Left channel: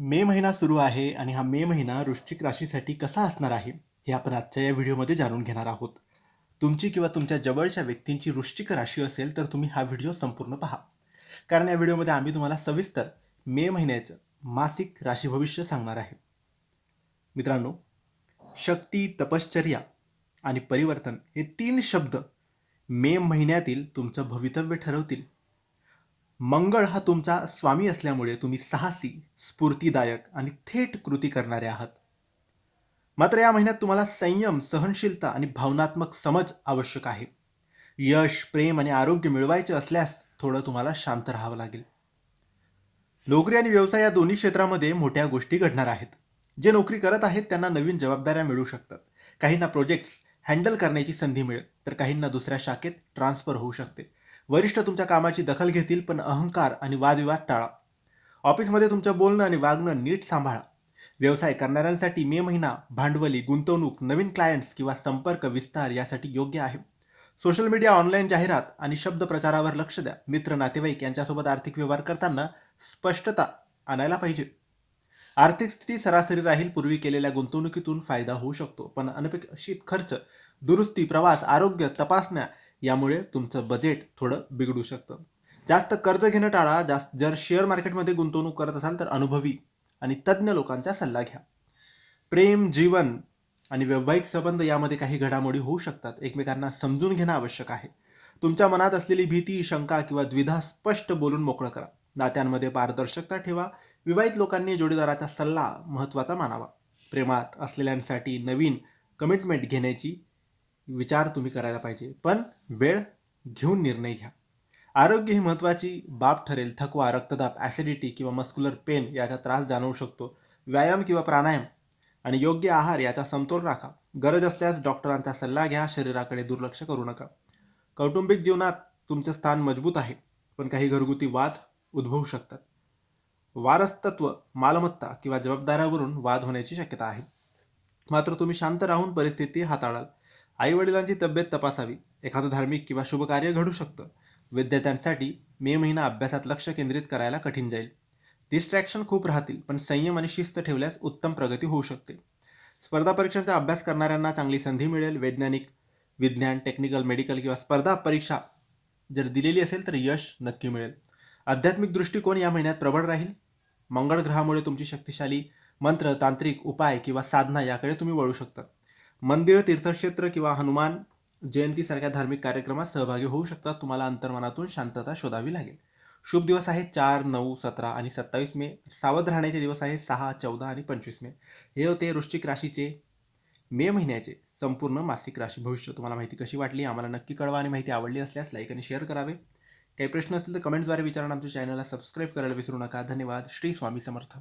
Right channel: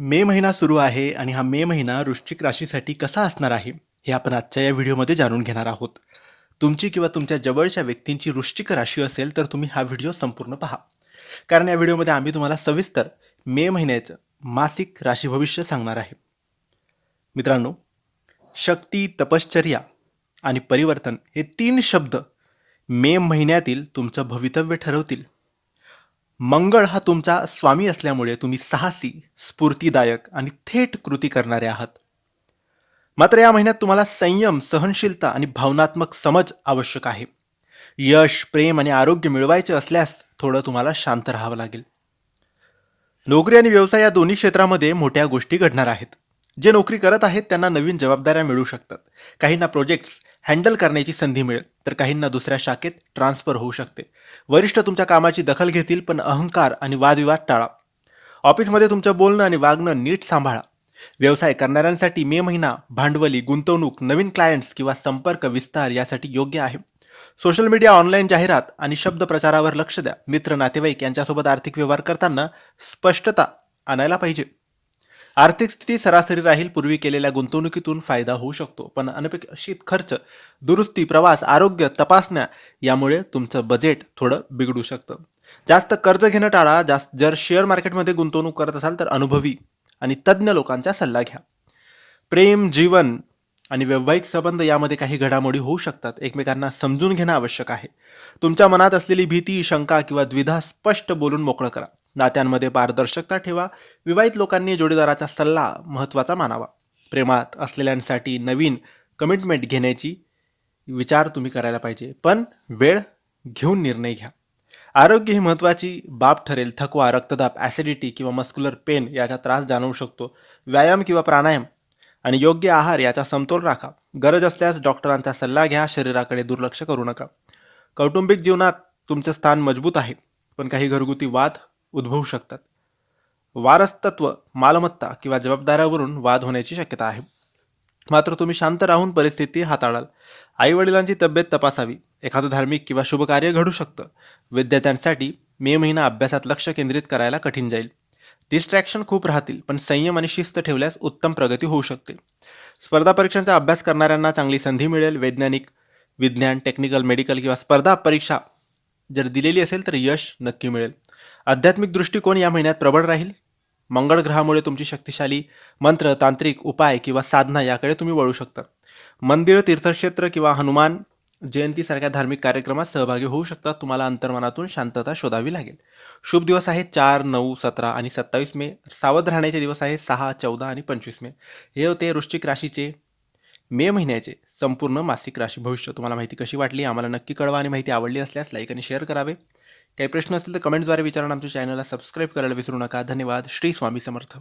मे महिना सुरू आहे आणि हा मे महिना वृश्चिक राशीसाठी कसा असणार आहे हे आपण आजच्या या व्हिडिओमध्ये जाणून घेणार आहोत. तुमची किंवा तुमच्या जवळच्या व्यक्तींची वृश्चिक राशी असेल तर तुम्ही हा व्हिडिओ संपूर्ण पहा. कारण या व्हिडिओमध्ये आम्ही तुम्हाला सविस्तर मे महिन्याचं मासिक राशी भविष्य सांगणार आहे. मित्रांनो शक्ती तपश्चर्या आणि परिवर्तन हे तीन शब्द मे महिन्यातील तुमचं भवितव्य ठरवतील. मंगळ हा तुमचा स्वामी असल्यामुळे तुम्ही साहसी स्फूर्तीदायक आणि थेट कृती करणारे आहात. मात्र या महिन्यात तुम्हाला संयम सहनशीलता आणि भावनात्मक समज आवश्यक आहे. यश प्रेम आणि आरोग्य मिळवायचे असल्यास थोडं तुम्हाला शांत राहावं लागेल. नोकरी आणि व्यवसाय या दोन्ही क्षेत्रामध्ये मोठ्या गोष्टी घडणार आहेत. जे नोकरी करत आहेत त्यांना नवीन जबाबदाऱ्या मिळू शकतात. काहींना प्रोजेक्ट्स हँडल करण्याची संधी मिळेल तर काहींना दुसऱ्या शाखेत ट्रान्सफर होऊ शकते. वरिष्ठ तुमच्या कामाची दखल घेतील पण अहंकार आणि वादविवाद टाळा. ऑफिसमध्ये तुमचं बोलणं आणि वागणं नीट सांभाळा. व्यवसाय करणाऱ्यांसाठी मे महिना भांडवली गुंतवणूक नवीन क्लायंट्स किंवा संपर्क विस्तार यासाठी योग्य आहे. सोशल मीडिया ऑनलाईन जाहिरात आणि शब्द प्रचारावर लक्ष द्या. मित्र नातेवाईक यांच्यासोबत आर्थिक व्यवहार करताना स्पष्टता आणायला पाहिजे. आर्थिक स्थिती सरासरी राहील पूर्वी केलेल्या गुंतवणुकीतून फायदा होऊ शकतो. पण अनपेक्षित खर्च दुरुस्ती प्रवास आरोग्य तपासण्या यामुळे तुमचं बजेट थोडं बिघडू शकतं. जास्त कर्ज घेणं टाळा. जास्त जर शेअर मार्केटमध्ये गुंतवणूक करत असाल तर अनुभवी आणि तज्ज्ञ लोकांचा सल्ला घ्या. प्रेम जीवन आणि वैवाहिक संबंध यामध्ये काही घडामोडी होऊ शकतात. एकमेकांना समजून घेणं आवश्यक आहे. तुमच्या मनात असलेली भीती शंका किंवा द्विधा स्पष्ट बोलून मोकळं करा. नात्यांमध्ये पारदर्शकता ठेवा. विवाहित लोकांनी जोडीदाराचा सल्ला महत्त्वाचा मानावा. प्रेमात असलेल्यांसाठी नवीन कमिटमेंट घेण्याची विचार तुम्ही करायला पाहिजे. पण वेळ घेऊन निर्णय घ्या. आरोग्य ही महत्त्वाची बाब ठरेल. थकवा रक्तदाब ॲसिडिटी किंवा मस्क्युलर पेन याचा त्रास जाणवू शकतो. व्यायाम किंवा प्राणायाम आणि योग्य आहार याचा समतोल राखा. गरज असल्यास डॉक्टरांचा सल्ला घ्या. शरीराकडे दुर्लक्ष करू नका. कौटुंबिक जीवनात तुमचं स्थान मजबूत आहे. पण काही घरगुती वाद उद्भवू शकतात. वारसतत्व मालमत्ता किंवा जबाबदाऱ्यावरून वाद होण्याची शक्यता आहे. मात्र तुम्ही शांत राहून परिस्थिती हाताळाल. आईवडिलांची तब्येत तपासावी. एखादं धार्मिक किंवा शुभकार्य घडू शकतं. विद्यार्थ्यांसाठी मे महिना अभ्यासात लक्ष केंद्रित करायला कठीण जाईल. डिस्ट्रॅक्शन खूप राहतील पण संयम आणि शिस्त ठेवल्यास उत्तम प्रगती होऊ शकते. स्पर्धा परीक्षांचा अभ्यास करणाऱ्यांना चांगली संधी मिळेल. वैज्ञानिक विज्ञान टेक्निकल मेडिकल किंवा स्पर्धा परीक्षा जर दिलेली असेल तर यश नक्की मिळेल. आध्यात्मिक दृष्टिकोन या महिन्यात प्रबळ राहील. मंगळ ग्रहामुळे तुमची शक्तिशाली मंत्र तांत्रिक उपाय किंवा साधना याकडे तुम्ही वळू शकता. मंदिर तीर्थक्षेत्र किंवा हनुमान जयंतीसारख्या धार्मिक कार्यक्रमात सहभागी होऊ शकता. तुम्हाला अंतर्मनातून शांतता शोधावी लागेल. शुभ दिवस आहे चार नऊ सतरा आणि सत्तावीस मे. सावध राहण्याचे दिवस आहे सहा चौदा आणि पंचवीस मे. हे होते वृश्चिक राशीचे मे महिन्याचे संपूर्ण मासिक राशी. भविष्य तुम्हाला माहिती कशी वाटली? आम्हाला नक्की कळवा आणि माहिती आवडली असल्यास लाईक आणि शेअर करावे. काही प्रश्न असतील तर कमेंट्सद्वारे विचारून आमच्या चॅनलला सबस्क्राईब करायला विसरू नका. धन्यवाद. श्री स्वामी समर्थ.